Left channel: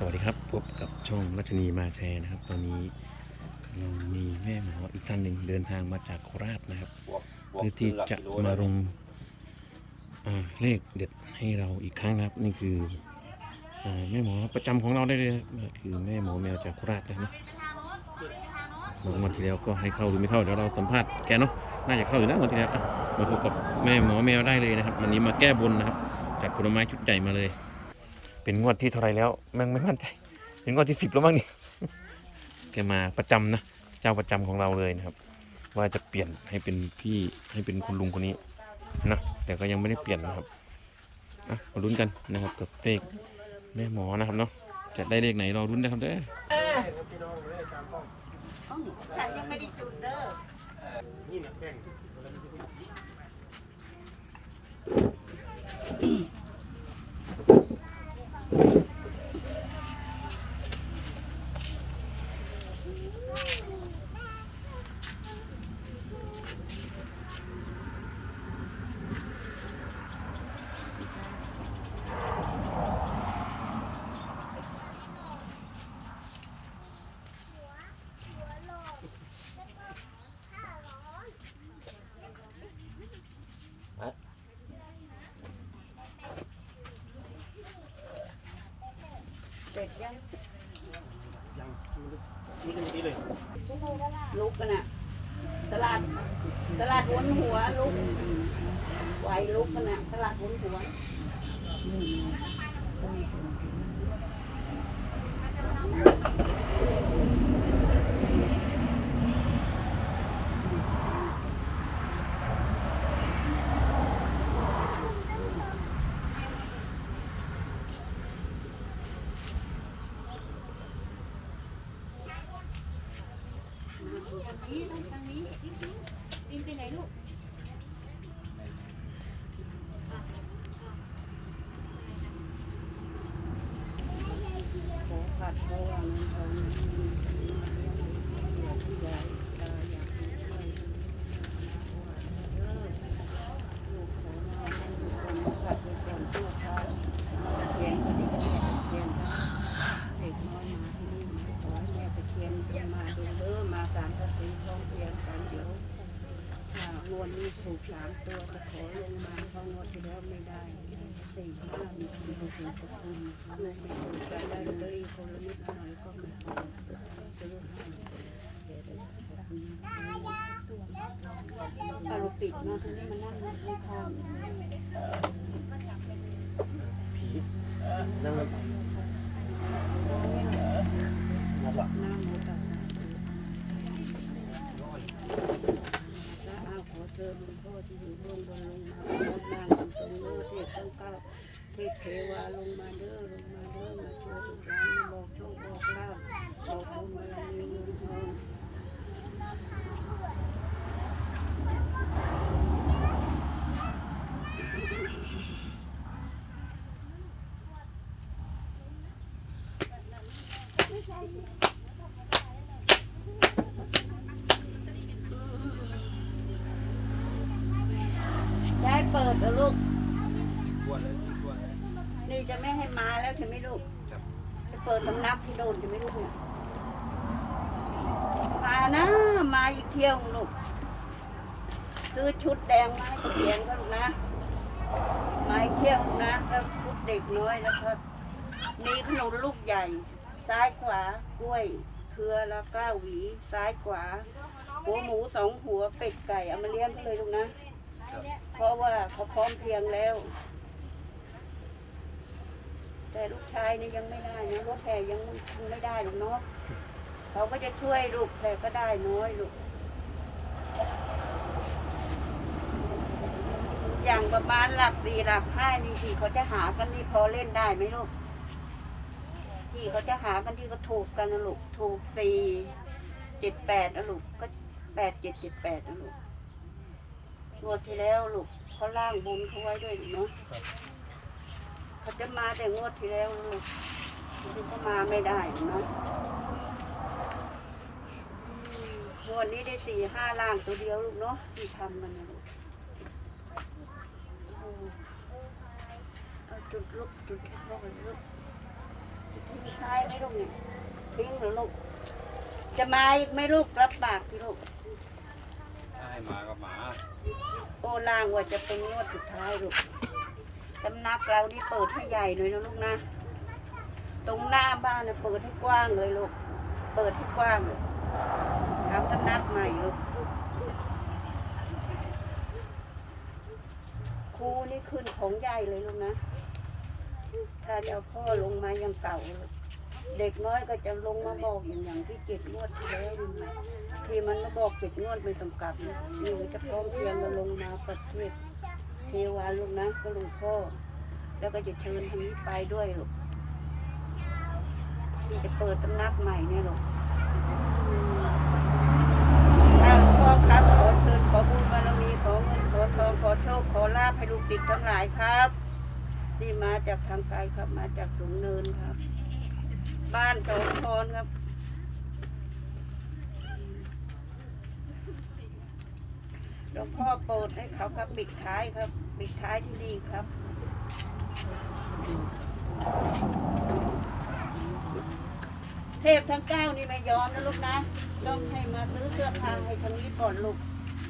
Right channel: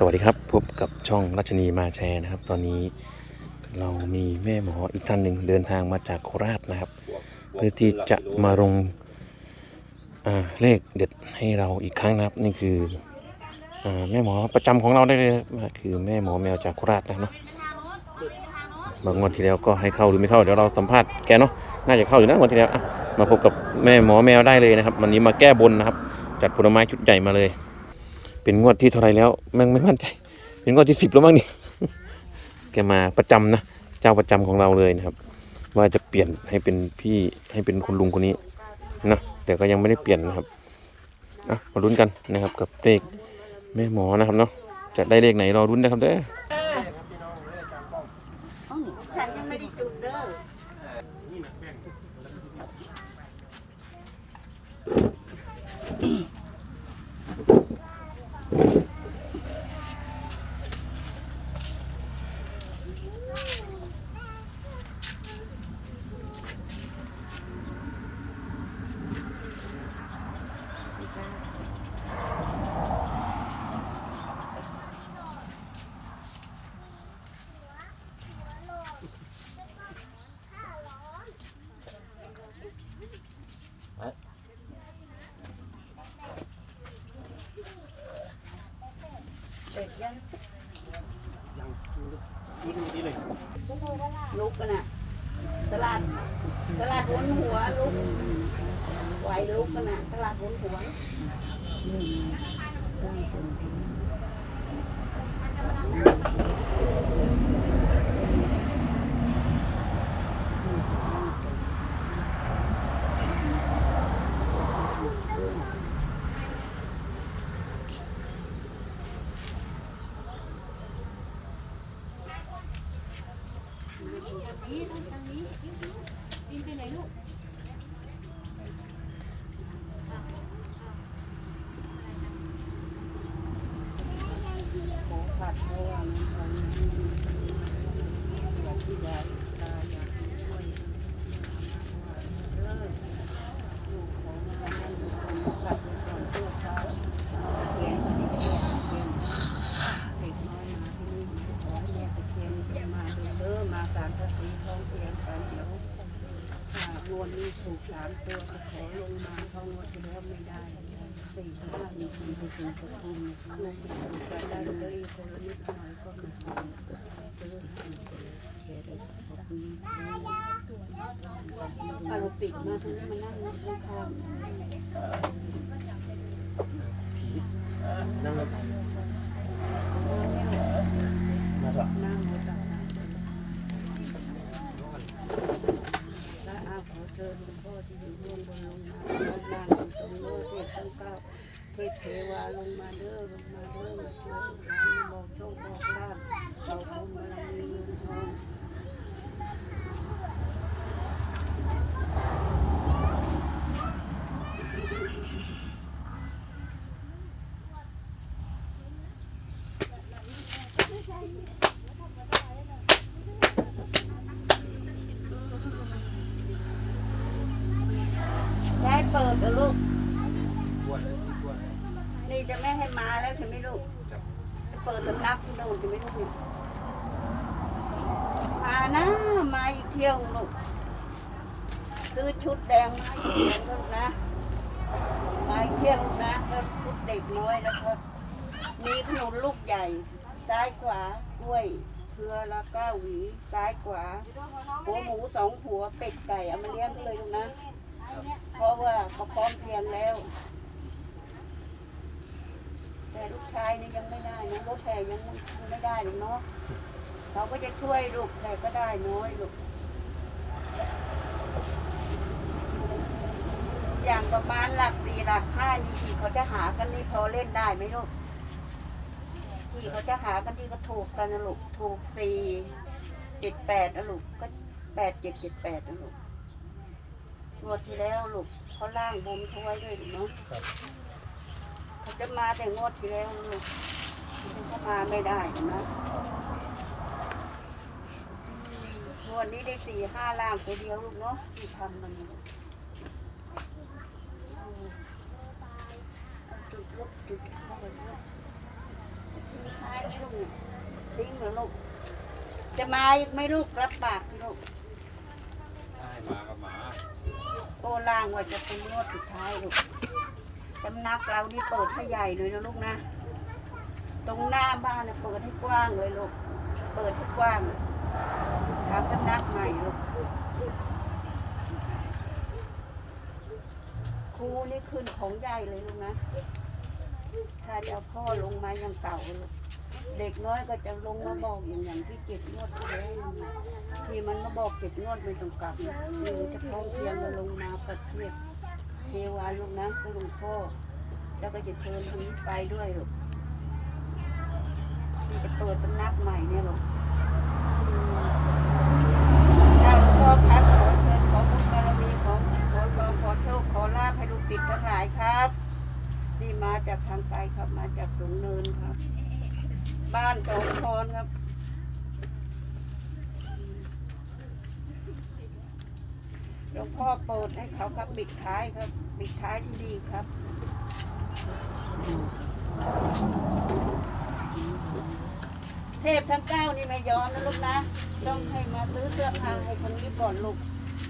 สวัสดีครับ พบกับช่องรัชนีมาแชร์นะครับ ตอนนี้เรามีแม่หมออีกท่านหนึ่งเดินทางมาจากโคราชนะครับ เพื่อที่จะมาลงเลขเด็ดให้เราอีกครั้งนะครับ นี่คืออแม่หมอประจำของเราได้เลยนะคือแม่หมอแมวจากโคราชนะเนาะบางวันที่แล้วก็ให้เข้าหรือไม่เข้าเดี๋ยวเราสัมภาษณ์แกเนาะน่าจะเข้าอยู่นะวันที่แล้วมาพบกับแม่หมอแมวได้เลยนะครับ วันนี้มาแก้บนนะครับ จัดผลไม้ชุดใหญ่มาเลย เป็นงวดที่เท่าไรแล้วแม่งไม่มั่นใจ เป็นงวดที่สิบแล้วมั้งนี่แกมาประจำนะเจ้าประจำของเราเลยนะครับ ว่าจะเปลี่ยนให้เป็นพี่ให้เป็นคุณลุงคนนี้นะแต่ก็ยังไม่ได้เปลี่ยนนะครับอะมาลุ้นกันนะครับกับเลขแม่หมอนะครับเนาะจะได้เลขไหนรอลุ้นนะครับเด้อ ฉันยังไม่ได้จุดเด้อ เสร็จยังลุกกันน่ะ ตลาด ตลาดวนหัวลุกไหวลุกกันน่ะ ตลาดวนหัว ขอผัดเพราะว่ามันเอาอยากที่ใหญ่ตาอยากช่วยเออลูกของมาให้ทุกคนผัดไปก่อนชั่วคราวเขียนก็ได้เขียนเขียนเด็กน้อยมาที่นี่ขอให้แม่ไปเขียนมาดูเด้อมาสามทัศนีท้องเพียงกันเดี๋ยวถ้า งวดนี้ถูกสามตัวจะขอลงมาเพราะงวดที่แล้วไม่ได้สี่ห้ามีคนถูกถูกถูกลูกไปถูกกันได้เลยคนละนิดหน่อยก็มาซื้อให้เอาเราปิดมาทีนี้มันนั่งข้างนั่งเลยๆนั่งหัวตักน้ำและ อาขอหลวงพ่อที่อยู่เบื้องบนลงมาลงล่างลงตรงเด้อเทพทั้งเก้าเทพเทวาลงมาเด้อลงมาเด้อมาช่วยลูกหลานมาบอกโชคบอกลาบบอกบุญบารมีเงินทอง ได้เปิดเหรอลูกนี่จะไม่ให้มาแล้วใช่ไหมลูก จะเปิดสำนักที่โน่นใช่ไหมลูกเนี่ยมานะมาอีกเที่ยวลูก คือชุดแดงมาอีกเที่ยวนะลูกนะมาอีกเที่ยวนะแล้วชุดเด็กน้อยแล้วก็มีขนมลูกใหญ่ ซ้ายขวากล้วยเครือละเก้าหวี ซ้ายขวาหัวหมูสองหัวเป็ดไก่เอามาเลี้ยงเขาเลยลูกนะ เพราะว่าเขาพร้อมเพรียงแล้ว แต่ลูกชายนี่ยังไม่ได้นะรถแห่ยังไม่ได้หรอกเนาะเขาก็จะช่วยลูกแต่ก็ได้น้อยลูกอย่างประมาณหลักสี่หลักห้านี่ที่เขาจะหากันนี่พอเล่นได้ไหมลูกที่เขาจะหากันที่ก็ถูกกันนะลูกถูกสี่เจ็ดแปดนะลูกก็แปดเจ็ดเจ็ดแปดนะลูก งวดที่แล้วลูกเขาล่างบนเขาไว้ด้วยเนาะเขาจะมาแต่งวดที่แล้วลูกที่เขามาไม่ได้เนาะอืมงวดนี้ได้สี่ห้าล่างตัวเดียวลูกเนาะที่ทำกันนะลูกเอาเอาจุดลูกจุดพ่อกันลูกจุดที่ใช่ลูกเนี่ยทิ้งเหรอลูกจะมาอีกไหมลูกรับปากสิลูกได้มาก็มา โอล่างว่าจะเป็นงวดสุดท้ายลูกสำนักเรานี่เปิดให้ใหญ่หน่อยนะลูกนะ ตรงหน้าบ้านเนี่ยเปิดให้กว้างเลยลูก เปิดให้กว้างเลยทำสำนักใหม่ลูกครูนี่ขึ้นของใหญ่เลยลูกนะ ถ้าจะเอาพ่อลงมายังเก่าลูก เด็กน้อยก็จะลงมาบอกอย่างอย่างที่เจ็ดงวดที่แล้วนี่ที่มันมาบอกเจ็ดงวดไม่ต้องกลับนะนี่มันจะพร้อมเพรียงมาลงมาประเทศเทวาลูกนะก็หลวงพ่อ แล้วก็จะเชิญทางนี้ไปด้วยลูกที่จะเปิดตำนักใหม่เนี่ยลูกอืมถ้าหลวงพ่อครับขอเชิญขอบุญบารมีขอเงินขอทองขอโชคขอลาภให้ลูกติดทั้งหลายครับ นี่มาจากทางไกลครับมาจากสูงเนินครับ บ้านสองคอนครับหลวงพ่อโปรดให้เขาครับปิดท้ายครับปิดท้ายที่ดีครับเทพทั้งเก้านี่ไม่ย้อนนะลูกนะ ต้องให้มาซื้อเสื้อผ้าให้ทางนี้ก่อนลูก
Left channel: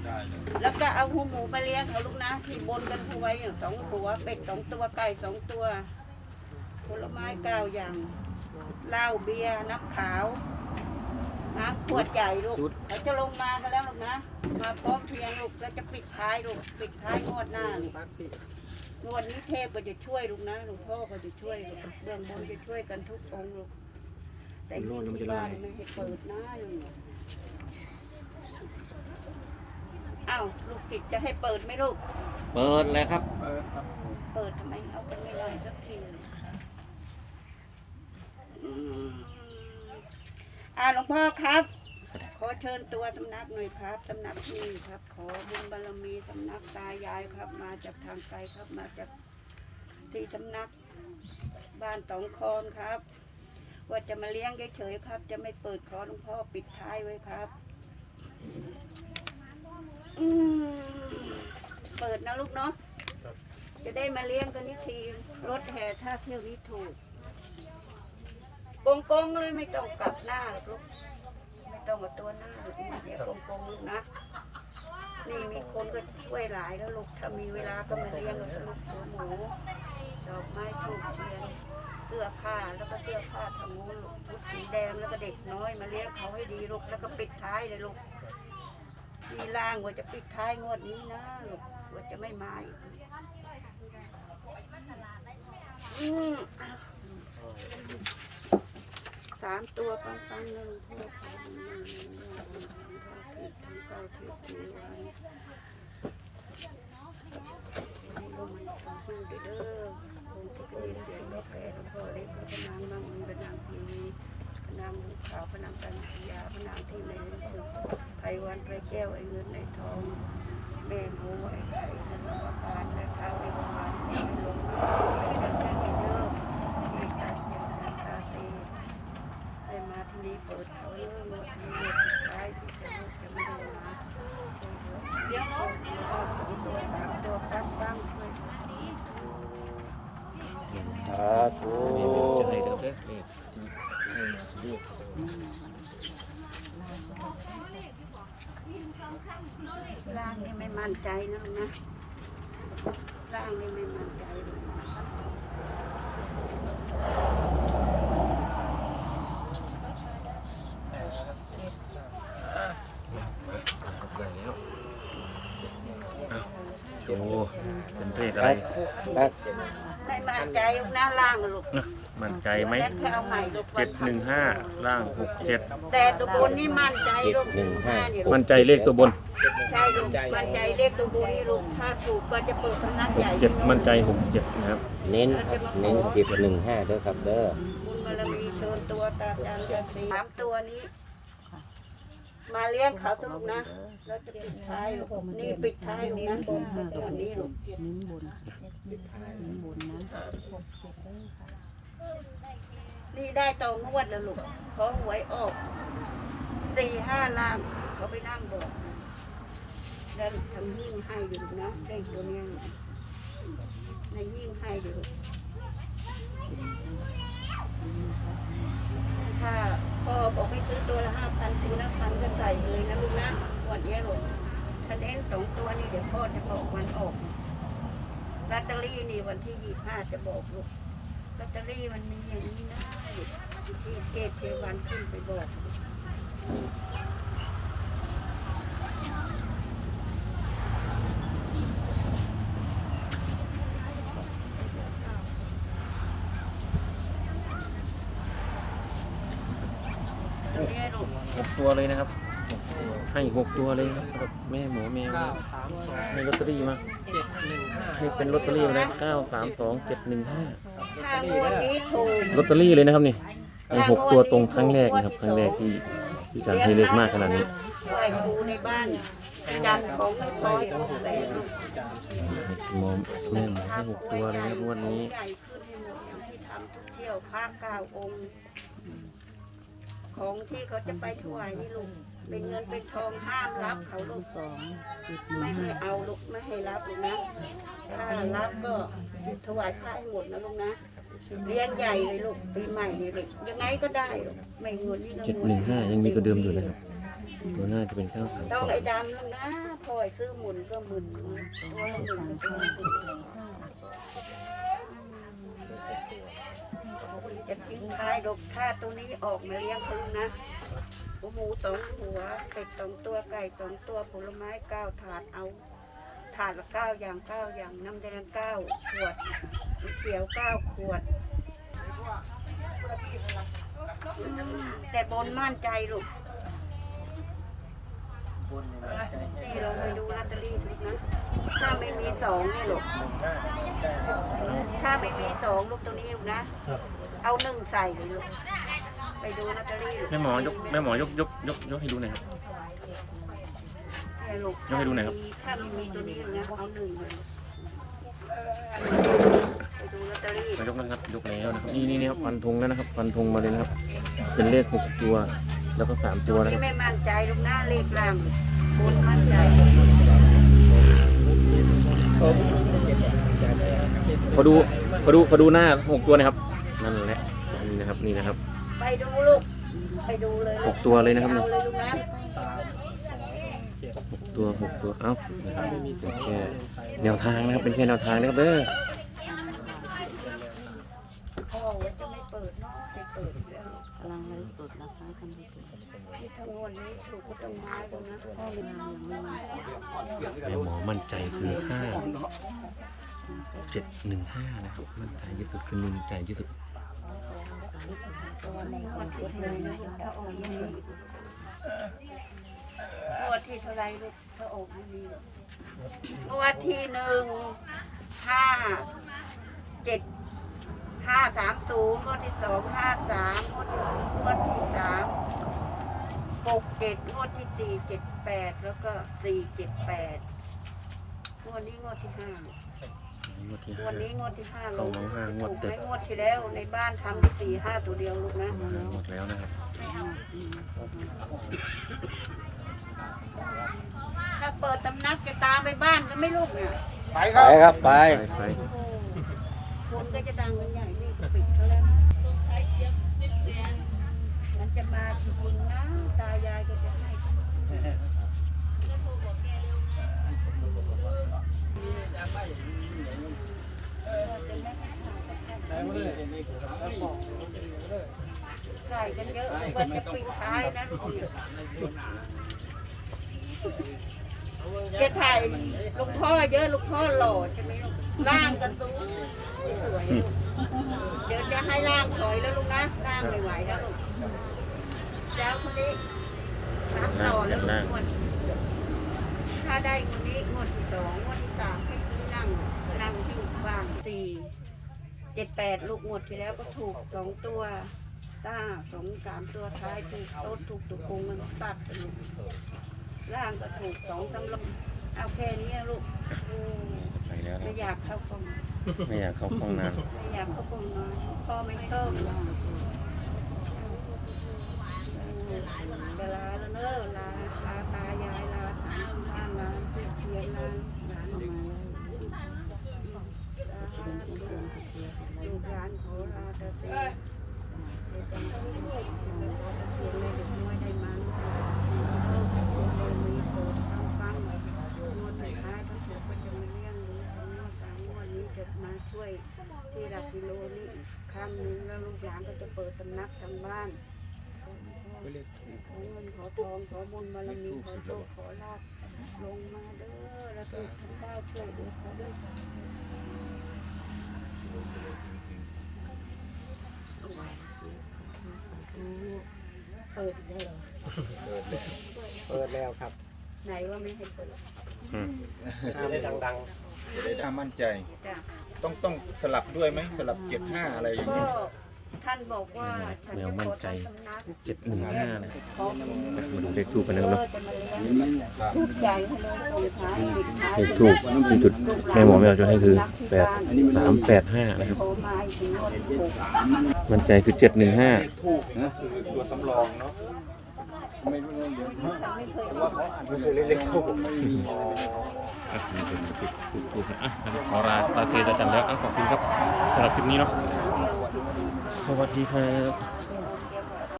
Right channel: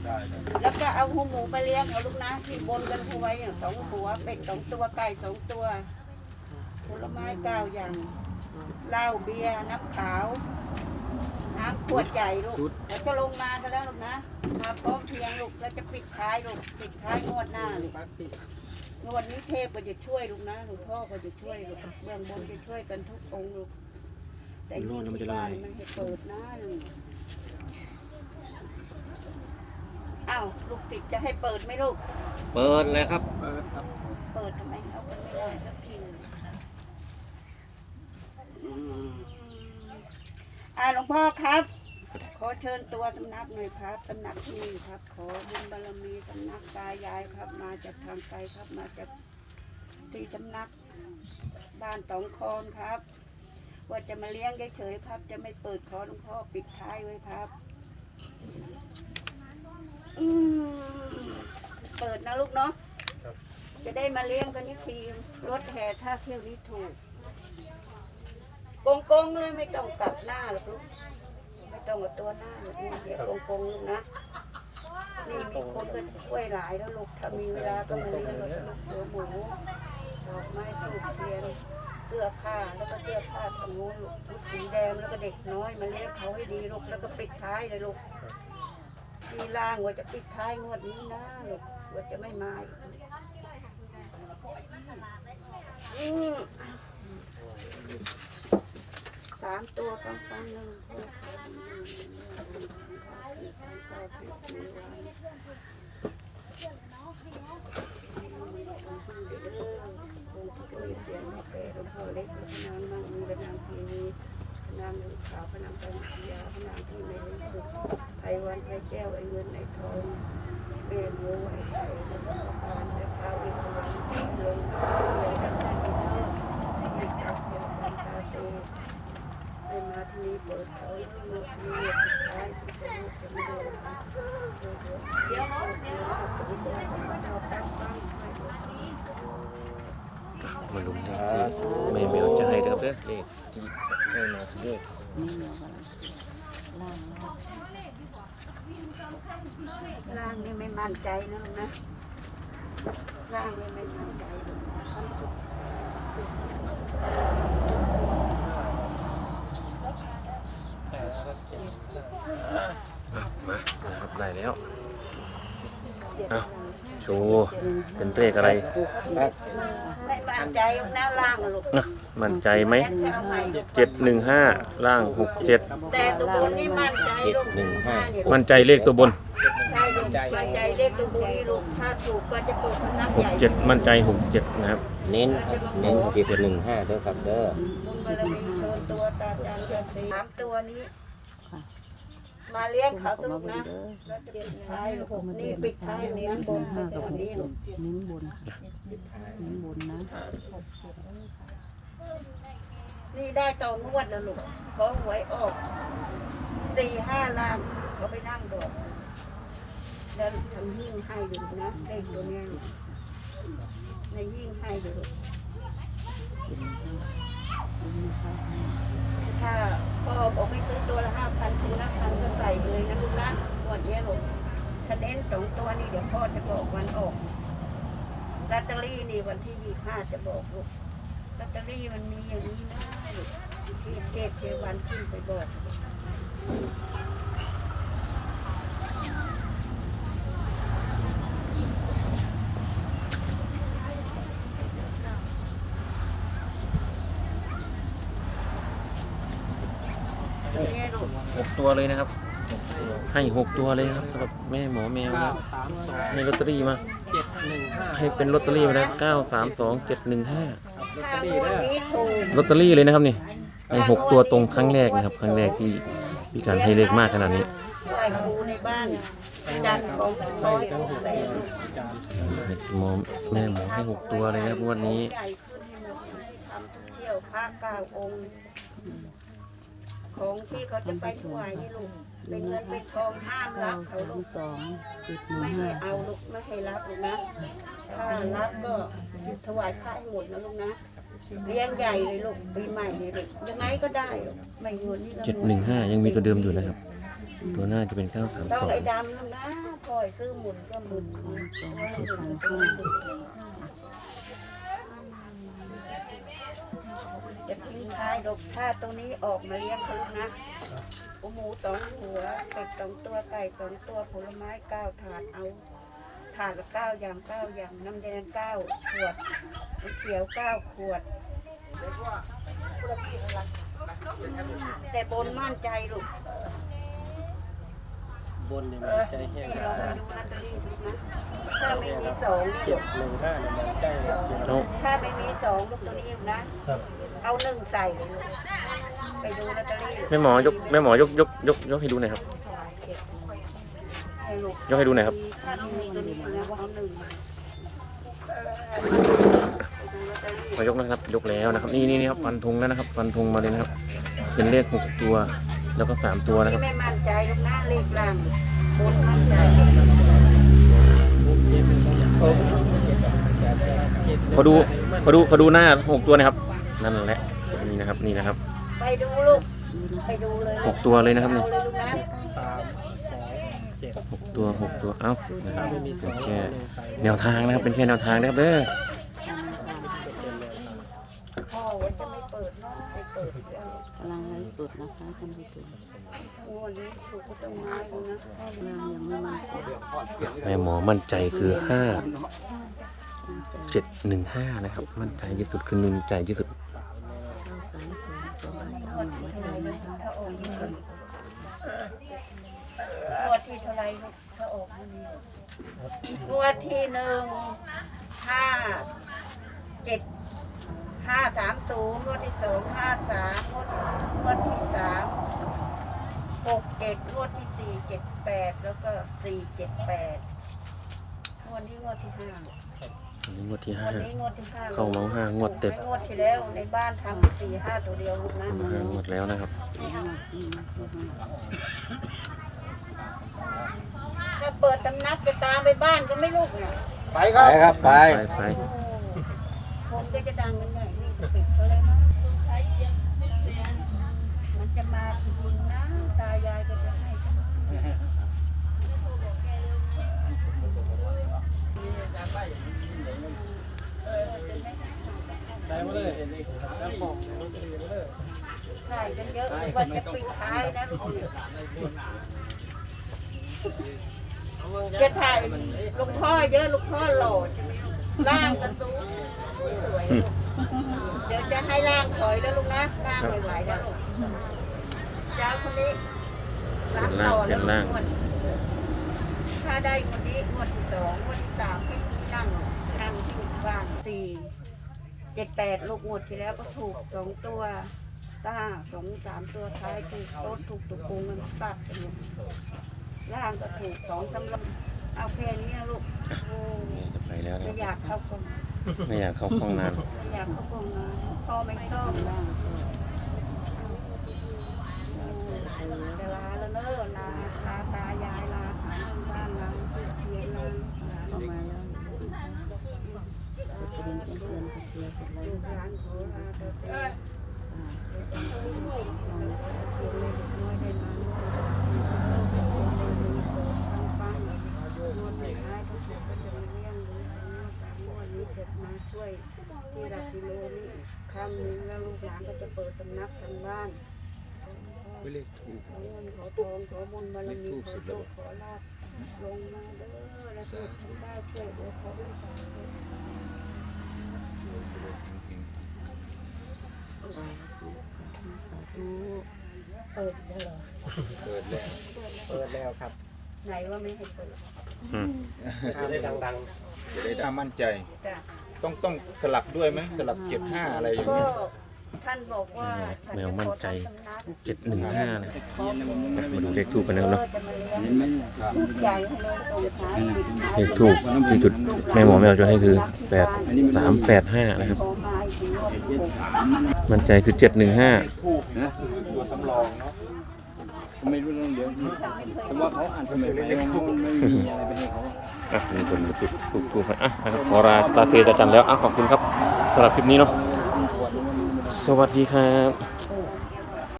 ได้ครับแล้วก็เอาหูหมูไปเลี้ยงเอาลูกนะ ที่บนกันเอาไว้อย่างสองตัวเป็ดสองตัวไก่สองตัว ผลไม้เก้าอย่าง เหล้าเบียร์น้ำขาว น้ำขวดใหญ่ลูกเราจะลงมากันแล้วลูกนะ มาพร้อมเพรียงลูกแล้วจะปิดท้ายลูกปิดท้ายงวดหน้าลูกงวดนี้เทพก็จะช่วยลูกนะหลวงพ่อก็จะช่วยลูกเบื้องบนจะช่วยกันทุกองค์ลูกแต่นี่ที่บ้านไม่ให้เปิดนะลูกอ้าวลูกติดจะให้เปิดไหมลูก เปิดเลยครับ เปิดทำไมเอาไปไม่ได้สักที อืมอ่าหลวงพ่อครับ ขอเชิญตัวสำนักหน่อยครับสำนักที่นี่ครับ ขอบุญบารมีสำนักตายายครับ มาจากทางไกลครับ มาจากที่สำนักบ้านตองคอนครับ ว่าจะมาเลี้ยงเฉยๆครับ จะไม่เปิดขอหลวงพ่อปิดท้ายไว้ครับ อืมเปิดนะลูกเนาะจะได้มาเลี้ยงกันนี่ทีรถแห่ถ้าเที่ยวนี้ถูกโก งกงๆเลยไม่ต้องกลับหน้าหรอกลูกไม่ต้องกับตัวหน้าหรอกนี่เดี๋ยวโกงกงๆลูกนะ นี่มีคนก็ช่วยหลายแล้วลูกถ้ามีเวลาก็มาเลี้ยงเราจะลูกหัวหมูดอกไม้ถูกเทียนเสื้อผ้าแล้วก็เสื้อผ้าทางนู้นลูกชุดสีแดงแล้วก็เด็กน้อยมาเลี้ยงเขาให้ดีลูกแล้วก็ปิดท้ายเลยลูกมีล่างว่าจะปิดท้ายงวดนี้นะลูกว่าจะไม่มาอีกอืมสามตัวปังปังๆหนึ่งเพื่อขอบุญหนึ่งทั้งเก้าทิศทั้งเกาทิศมีวันให้ลงมาทำบุญเด้อคงที่จะมีเสียงพ่อแก่หลวงพ่อเล็กและพระนางมังมีพระนางทีวีพระนางหมูขาวพระนางกันทียาพระนางที่ไม่รู้สึกไพวันไพแก้วไอเงินไอทองแม่หมูไอไข่แล้วก็มาทานและข้าวอินทรังให้ลงมาเลยกันที่เนอร์ไม่จับเกี่ยวกันตาเตให้มาที่นี่เปิดเขาแล้วเมื่อที่นี่สุดท้ายที่จะรู้จะไม่ได้มาช่วยเหลือเดี๋ยวคนที่ว่าสองตัวสามตัวปั้นปั้งช่วยเหลือ มาลุ้นนะครับ ไม่เบลจะให้เด้อเด้อเลขที่ให้มาเลขร่างนี่ไม่มั่นใจนะมึงนะร่างนี่ไม่มั่นใจเลย อะมานะครับได้แล้วเอา โชว์เป็นเลขอะไรไม่มั่นใจนะร่างอะลูกนะมั่นใจไหมแค่เอาใหม่ลูกเจ็ดหนึ่งห้าล่างหกเจ็ดแต่ตัวบนนี่มั่นใจลูกหนึ่งห้าเนี่ยมั่นใจเลขตัวบนใช่ลูกมั่นใจเลขตัวบนนี่ลูกถ้าถูกก็จะเปิดสำนักหใหกญ่เจ็ดมั่นใจหกเจ็ดนะครับเน้นครับเน้นสิบหนึ่งห้าด้วยครับเด้อบุญบารมีโชนตัวตาจารย์จะสีสามตัวนี้ มาเลี้ยงเขาสลูกนะแล้วจะปิดท้ายลูกนี่ปิดท้ายลูกนะบนตัวนี้ลูกนี่ได้ตอนวดแล้วลูกขอหวยออกสี่ห้าล้านเขาไปนั่งบอกแล้วทำยิ่งให้อยู่นะเลขตัวนี้ยในยิ่งให้ดูถ้า พ่อบอกไปซื้อตัวละห้าพันตัวละพันจะใส่เลยนะลูกนะหมดเยอะหมดคะแนนสองตัวนี่เดี๋ยวพ่อจะบอกวันออกลอตเตอรี่นี่วันที่ยี่ห้าจะบอกลูกลอตเตอรี่มันมีอย่างนี้นะเกตเจวันขึ้นไปบอก ตัวเลยนะครับ ให้หกตัวเลยนะครับสำหรับแม่หมอแมวนะให้ลอตเตอรี่มา เจ็ดหนึ่งห้าให้เป็นลอตเตอรี่ไปนะเก้าสามสองเจ็ดหนึ่งห้าถ้างวดนี้ถูกลอตเตอรี่เลยนะครับนี่ให้หกตัวตรงครั้งแรกนะครับ ครั้งแรกที่พี่การให้เลขมากขนาดนี้ ไหว้ครูในบ้านยันของร้อยองแต่ลูกให้หมอแม่หมอให้หกตัวเลยนะครับงวันนี้ใหญ่ขึ้นให้หมดที่ทำทุกเที่ยวพระเก้าองค์ ของที่เขาจะไปถวายนี่ลูก เป็นเงินเป็นทองห้ามรับเขาลูกสองไม่ให้เอาลูกไม่ให้รับลูกนะถ้ารับก็ถวายพระให้หมดนะลูกนะเลี้ยงใหญ่เลยลูกปีใหม่นี่ลูกยังไงก็ได้ลูกไม่เงินนี่ก็เจ็ดหนึ่งห้ายังมีตัวเดิมอยู่นะครับ ตัวหน้าจะเป็นเก้าสามต้องสองไอ้ดำลูกนะถอยซื้อหมุนก็หมุนตัวละหมุนตัวละหมุน จะทิ้งท้ายดกถ้าตรงนี้ออกมาเลี้ยงเขาลูกนะหมูสองหัวเป็ดสองตัวไก่สองตัวผลไม้เก้าถาดเอาถาดละเก้าอย่างเก้าอย่างน้ำแดงเก้าขวดน้ำเขียวเก้าขวด แต่บนมั่นใจลูก บนเนี่ยมันใจแค่นี่ลองไปดูลอตเตอรี่ดูนะถ้าไม่มีสองนี่ลูกหนึ่งห้าได้เลยเอาถ้าไม่มีสองลูกตัวนี้ลูกนะ ครับ เอาหนึ่งใส่เลยลูกไปดูลอตเตอรี่แม่หมอยกแม่หมอยกยกยกยกให้ดูหน่อยครับเนี่ยลูกยกให้ดูหน่อยครับ ถ้าไม่มีตัวนี้ลูกนะเอาหนึ่งมาไปดูลอตเตอรี่พอยกนะครับ ยกแล้วนะครับ นี่นี่นี่ครับฟันธงแล้วนะครับ ฟันธงมาเลยนะครับ เป็นเลขหกตัว แล้วก็สามตัวนะครับ ไม่มั่นใจลูกหนะเลขล่างบนมั่นใจเจ็ดเจ็ดเขอดูขอดูขอดูหน้าหกตัวนะครับ นั่นแหละนี่นะครับนี่นะครับไปดูลูกไปดูเลยหกตัวเลยนะครับนี่เอาเลยลูกนะหกตัวหกตัวเอ้านะครับเป็นแค่แนวทางนะครับเป็นแค่แนวทางนะครับเด้อ พ่อว่าจะไม่เปิดเนาะไม่เปิดแล้วกำลังไลฟ์สดนะคะท่านผู้ชมที่ทั้งวันนี้ถูกก็ต้องไม้ดูนะแม่หมอมั่นใจคือห้าเจ็ดหนึ่งห้านะครับ มั่นใจที่สุดคือหนึ่งใจที่สุดงวดที่เท่าไรลูกถ้าออกยังนี้งวดที่เท่าไรลูกถ้าออกยังนี้งวดที่หนึ่งห้าเจ็ด ห้าสามศูนย์งวดที่สองห้าสามงวดงวดที่สามหกเจ็ดงวดที่สี่เจ็ดแปดแล้วก็สี่เจ็ดแปดงวดนี้งวดที่ห้าอันนี้งวดที่งห้า วดนี้งวดที่ห้าเข้ามาห้างวดติด ไม่งวดที่แล้วในบ้านทำที่สี่ห้าตัวเดียวลูกนะ ห้างวดแล้วนะครับ ถ้าเปิดตำนักจะตามไปบ้านก็ไม่ลูกเนี่ยไปครับ ไปไป ไป คนก็จะดังกันใหญ่นี่ก็ปิดเขาแล้วนะมันจะมาจริงๆนะตายายก็จะให้ใช่กันเยอะว่าจะปิด ท้ายนะลูกเนี่ยจะถ่ายหลุงพ่อเยอะหลุงพ่อหล่อใช่ไหมลูกร่างกันสูงสวยลูกเดี๋ยวจะให้ร่างถอยแล้วลูกนะร่างไม่ไหวแล้วลูกเจ้าคนนี้รับต่อแล้วลูกงวดถ้าได้คนนี้งวดที่สองงวดที่สามให้ที่นั่งนั่งที่บ้านสี่เจ็ดแปดลูกงวดที่แล้วก็ถูกสองตัว ต้าสองสามตัวท้ายถูกโต๊ดถูกตุกปุงมันตัดกันลูกร่างก็ถูกสองสำลบเอาแค่นี้นะลูกโอ้ไปแล้วนะไม่อยากเข้ากล่องไม่อยากเข้าห้องนานไม่อยากเข้ากล่องนอนพ่อไม่ชอบนะจะลาแล้วเนอะลาลาตายายลาทางบ้านลาเชียนลาหลานออกมาแล้วลูกหลานขอลาตาเต้เดี๋ยวจะให้ลูกแล้วก็ตะเกียงแม่เด็กน้อยได้มาด้วยโลกจะเป็นเลยมีโปรดำหนึ่งแล้วลูกหลานก็จะเปิ ดตำนักทางบ้านไปเลขถูกขอเงินขอทองขอบุญบารมีขอโชคขอลาภลงมาเด้อและเทพทั้งได้ช่วยเหลือเขาด้วยเปิดได้เหรอเปิดแล้วครับ ไหนว่าไม่ให้เปิดอืมจะได้ดังจะได้มั่นใจจ้ะต้องต้องสลับด้วยไหมสลับเจ็ดห้าอะไรอย่างก็นี้ ท่านบอกว่าฉันแมจะวขมั่นอใจทำสำนักเจ็ดหนึ่งห้านะขออะมาดูเลขทูปกันนะครับเนาะจะมาเลี้ยงลูกใหญ่ให้เลยตรงท้ายปิดท้ายเลขทูปที่จุดแม่หมอแมวจะให้คือแปดสามแปดห้านะครับโทรมาอีกทีว่าถูกมั่นใจคือเจ็ดหนึ่งห้าทูบนะตัวสำรองเนาะไม่รู้เรื่องเดียวฉันไม่เคยแต่รู้ว่าเขาอ่านทำไมเล็กๆทูบอะมีคนมาติดทูปทูปให้อะนะครับขอลาลาเซจะจำแล้วอะขอบคุณครับสำหรับคลิปนี้เนาะ สวัสดีครับ